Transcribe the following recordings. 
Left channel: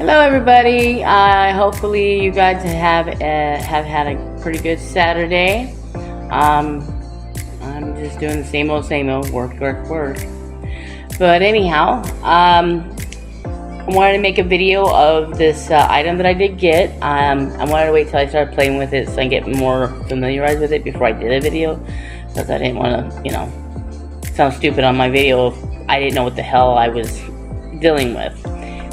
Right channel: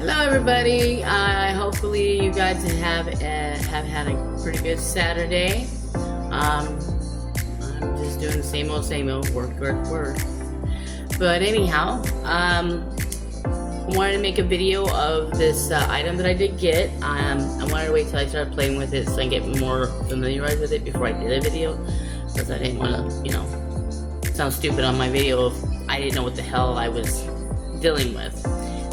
Hello, everybody. Hopefully, you guys have had a pretty good Saturday. I'm just doing the same old work. But anyhow, I wanted to make a video of this item that I did get. I wanted to wait till I started playing with it so I can get more familiarized with it before I did a video, because I didn't want to, sound stupid on my video if I didn't know what the hell I was dealing with.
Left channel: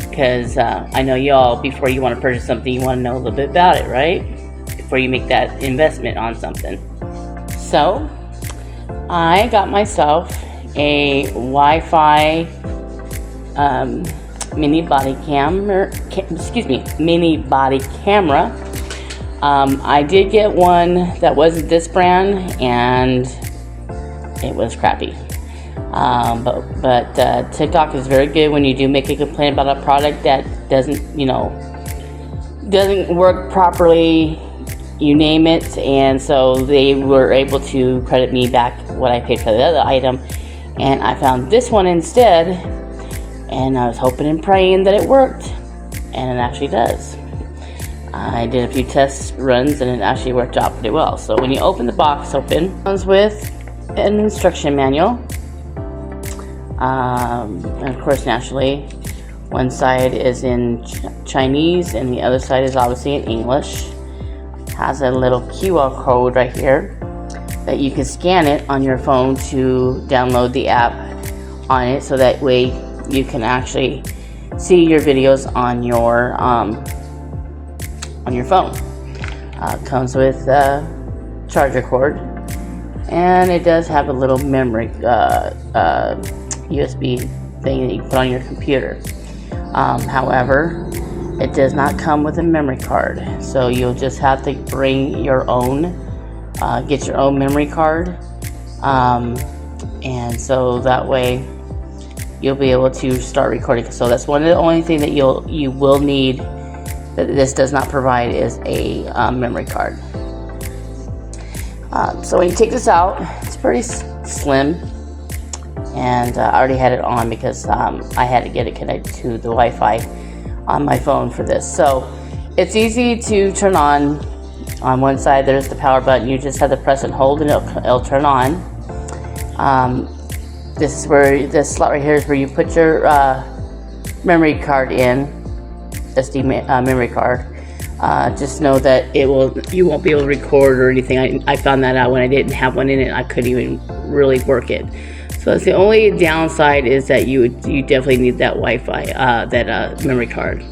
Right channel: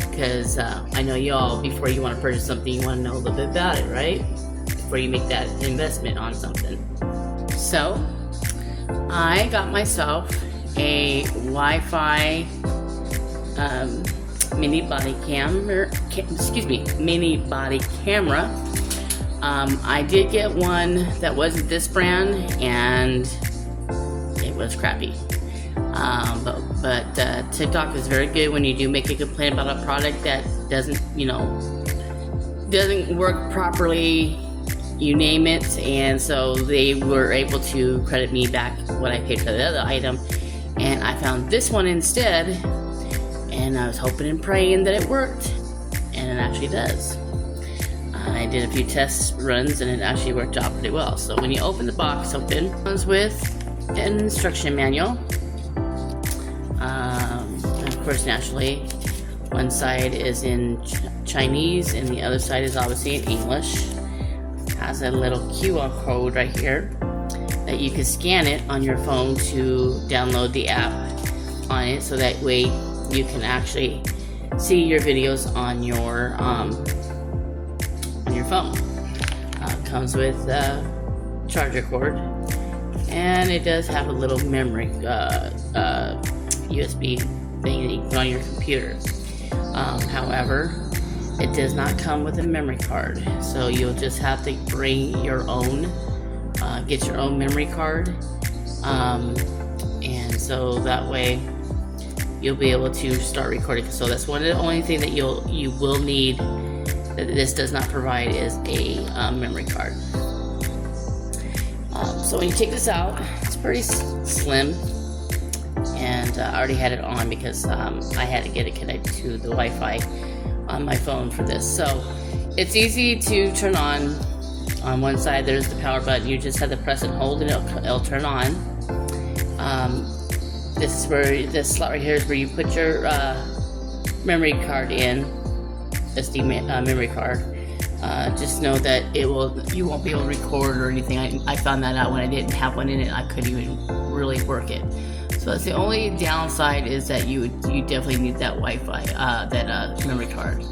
Because I know y'all, before you want to purchase something, you want to know a little bit about it, right? Before you make that investment on something. So, I got myself a Wi-Fi mini body camera. I did get one that wasn't this brand, and it was crappy. But TikTok is very good when you do make a complaint about a product that doesn't work properly, you name it, and so they were able to credit me back what I paid for the other item, and I found this one instead, and I was hoping and praying that it worked, and it actually does. I did a few test runs and it actually worked out pretty well. So when you open the box it comes with an instruction manual. And of course, naturally, one side is in Chinese and the other side is obviously in English. Has a little QR code right here that you can scan it on your phone to download the app on it, so that way you can actually see your videos on your phone. Comes with a charger cord, and it does have a little memory USB thing that you can put on your computer. However, it does not come with a memory card, so you'll just have to bring your own, get your own memory card, and so that way you'll be able to start recording. So that's one of the only thing that you will need that this does not provide is a memory card. So when you take this out, it's pretty slim. And I already had it on because I had to get it connected to the Wi-Fi on my phone for this. So it's easy to turn on. On one side there's the power button. You just have to press and hold and it'll turn on. This is where this slot right here is where you put your memory card in, SD memory card. Just know that you won't be able to record or anything. I found that out when I didn't have one in it. I couldn't even really work it. So that's the only downside, is that you definitely need that Wi-Fi, that memory card.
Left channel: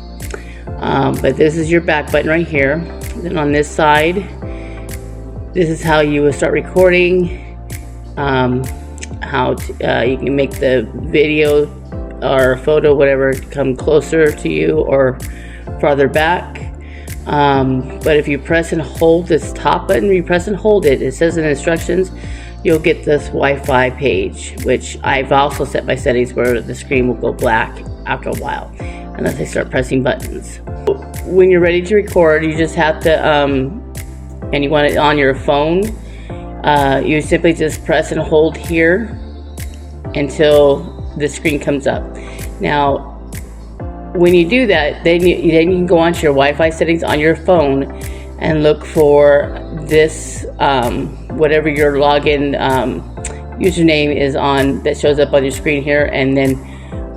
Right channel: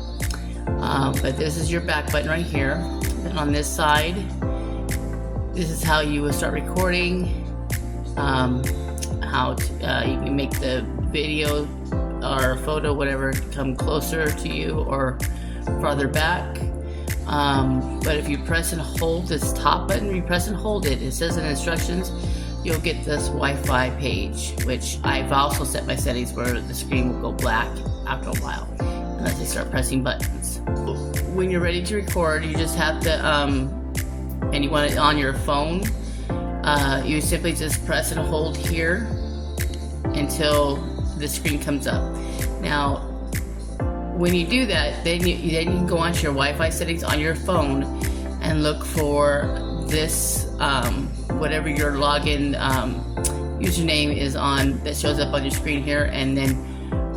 But this is your back button right here. Then on this side, this is how you will start recording. How you can make the video or photo, whatever, come closer to you or farther back. But if you press and hold this top button, you press and hold it, it says in the instructions, you'll get this Wi-Fi page, which I've also set my settings where the screen will go black after a while unless I start pressing buttons. When you're ready to record, you just have to, and you want it on your phone, you simply just press and hold here until the screen comes up. Now, when you do that, then you can go onto your Wi-Fi settings on your phone and look for this, whatever your login username is on, that shows up on your screen here, and then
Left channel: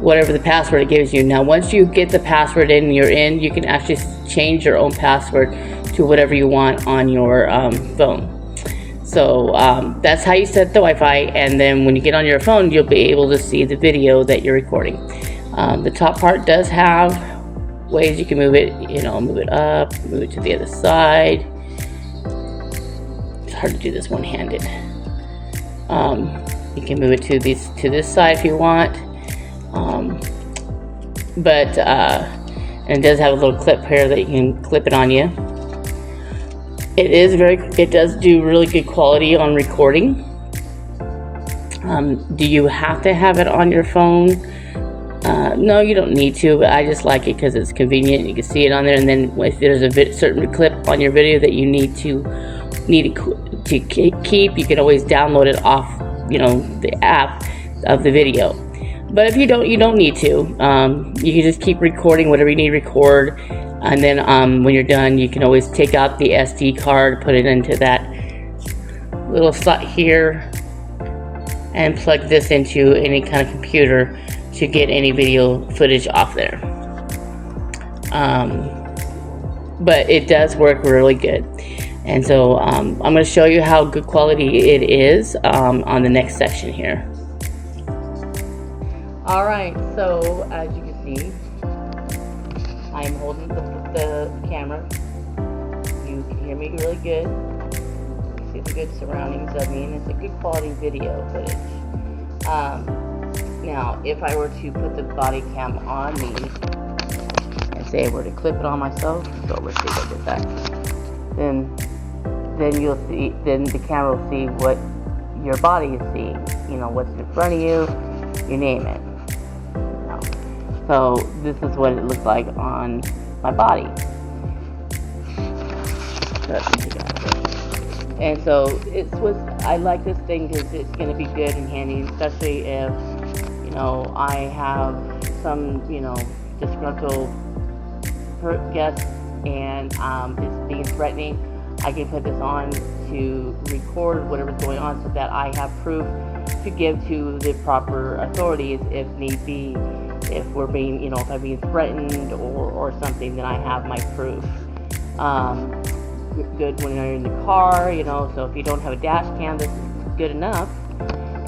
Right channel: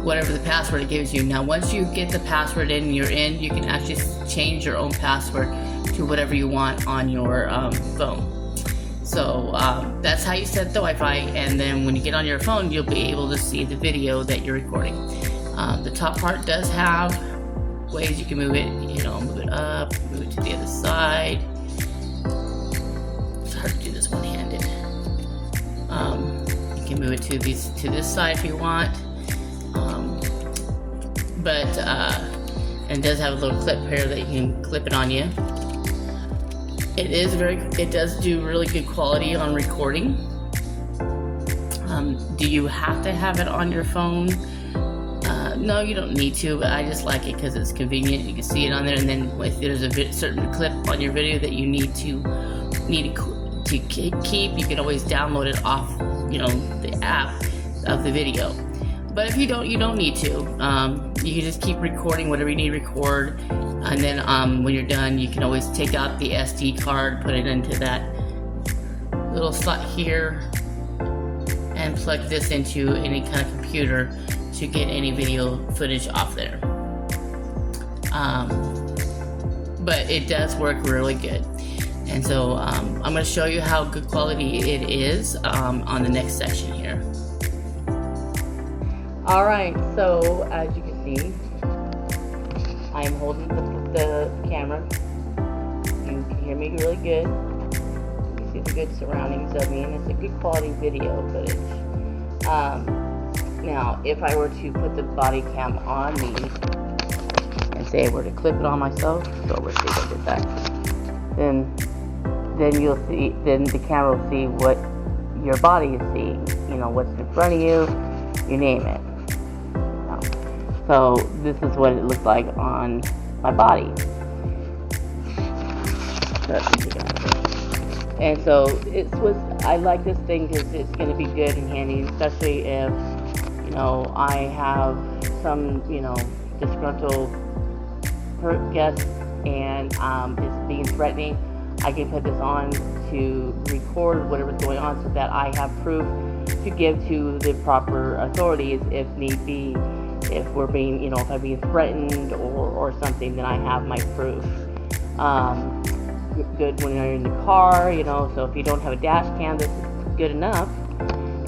whatever the password it gives you. Now, once you get the password in, you're in, you can actually change your own password to whatever you want on your phone. So that's how you set the Wi-Fi, and then when you get on your phone, you'll be able to see the video that you're recording. The top part does have ways you can move it, move it up, move it to the other side. It's hard to do this one-handed. You can move it to this side if you want. And it does have a little clip here that you can clip it on you. It does do really good quality on recording. Do you have to have it on your phone? No, you don't need to, but I just like it because it's convenient. You can see it on there, and then if there's a certain clip on your video that you need to keep, you can always download it off, the app of the video. But if you don't need to. You can just keep recording whatever you need to record, and then when you're done, you can always take out the SD card, put it into that little slot here, and plug this into any kind of computer to get any video footage off there. But it does work really good. And so I'm going to show you how good quality it is on the next section here. Alright, so as you can see, I'm holding the camera. You can hear me really good. You see the good surroundings of me, and it's a good quality video footage. Now, if I were to put the body cam on me, and say I were to clip it on myself, so let's see if I did that, then you'll see, then the camera will see what your body is seeing, you know, what's in front of you, you name it. So this is what it looks like on my body. And so I like this thing because it's going to be good and handy, especially if, you know, I have some, you know, disgruntled guest and it's being threatening. I can put this on to record whatever's going on so that I have proof to give to the proper authorities if need be. If we're being, you know, if I'm being threatened or something, then I have my proof. Good when you're in the car, you know, so if you don't have a dash cam, this is good enough.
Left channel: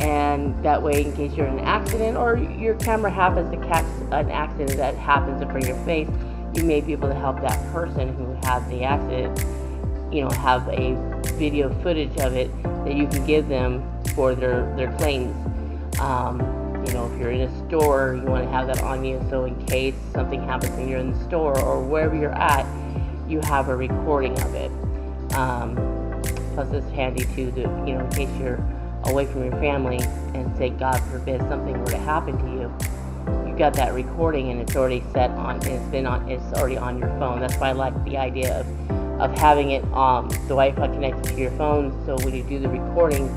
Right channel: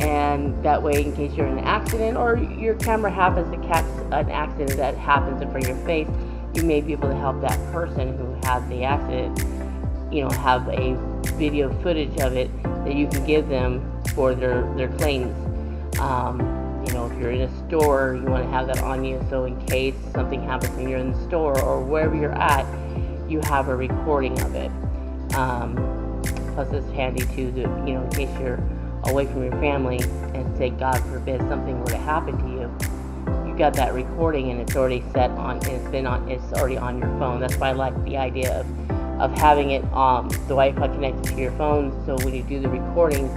And that way, in case you're in an accident or your camera happens to catch an accident that happens in front of your face, you may be able to help that person who had the accident, you know, have a video footage of it that you can give them for their claims. You know, if you're in a store, you want to have that on you, so in case something happens when you're in the store or wherever you're at, you have a recording of it. Plus it's handy too, you know, in case you're away from your family and say, God forbid, something were to happen to you, you got that recording and it's already set on, and it's already on your phone. That's why I like the idea of having it the Wi-Fi connected to your phone, so when you do the recording,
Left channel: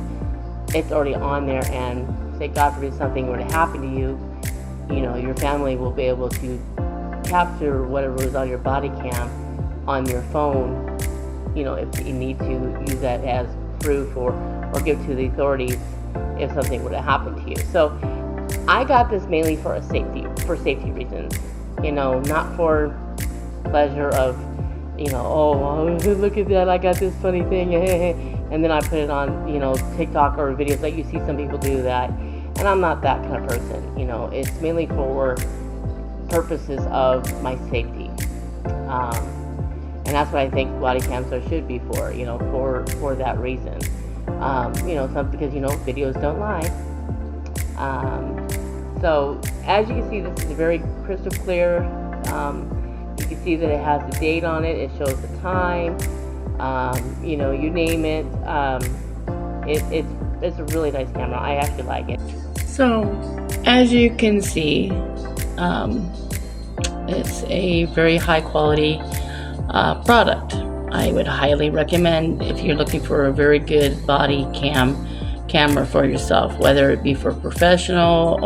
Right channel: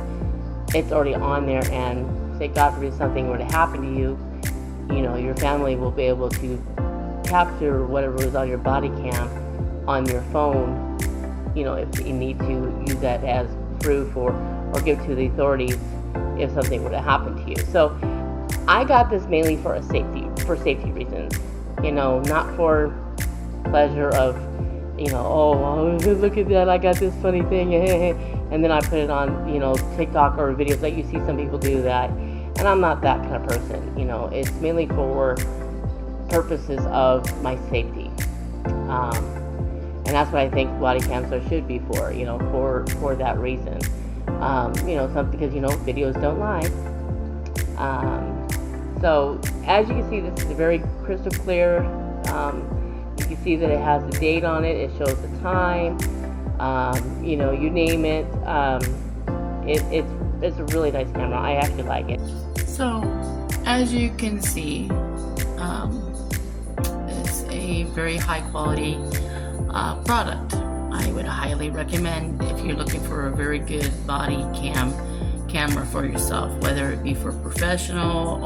it's already on there, and say God forbid something were to happen to you, you know, your family will be able to capture whatever was on your body cam on your phone, you know, if you need to use that as proof or give to the authorities if something were to happen to you. So I got this mainly for safety reasons, you know, not for pleasure of, you know, oh, look at that, I got this funny thing, and then I put it on, you know, TikTok or videos. Like you see some people do that, and I'm not that kind of person. You know, it's mainly for purposes of my safety, and that's what I think body cams should be for. You know, for that reason. You know, because you know videos don't lie. So as you can see, this is very crystal clear. You can see that it has the date on it. It shows the time. You know, you name it. It's a really nice camera. I actually like it. So, as you can see, it's a very high quality product. I would highly recommend if you're looking for a very good body camera for yourself, whether it be for professional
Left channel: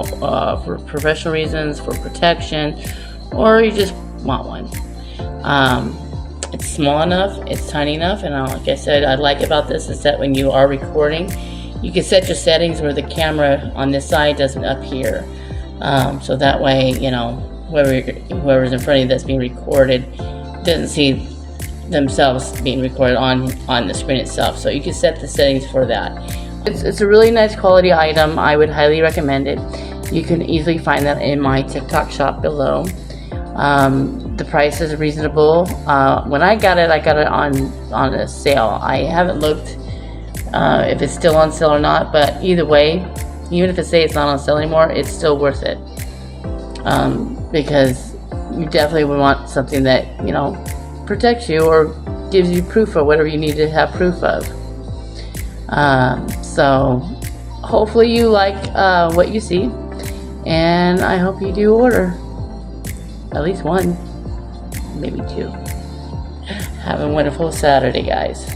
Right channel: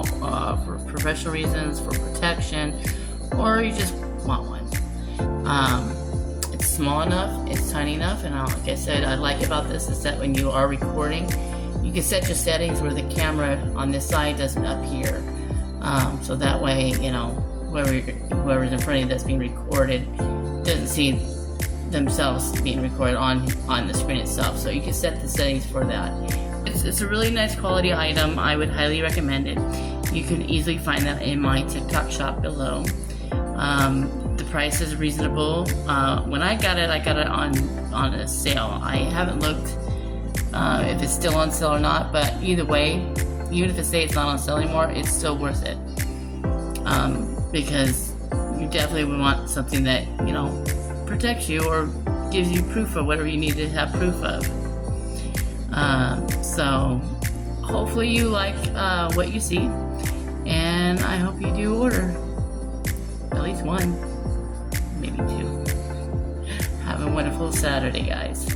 reasons, for protection, or you just want one. It's small enough, it's tiny enough, and like I said, I like about this is that when you are recording, you can set your settings where the camera on this side doesn't appear, so that way, you know, whoever's in front of you that's being recorded doesn't see themselves being recorded on the screen itself. So you can set the settings for that. It's a really nice quality item. I would highly recommend it. You can easily find that in my TikTok shop below. The price is reasonable. When I got it on a sale. I haven't looked if it's still on sale or not, but either way, even if it say it's not on sale anymore, it's still worth it. Because you definitely would want something that, you know, protects you or gives you proof of whatever you need to have proof of. So hopefully you like what you see, and I hope you do order at least one, maybe two. Have a wonderful Saturday, guys.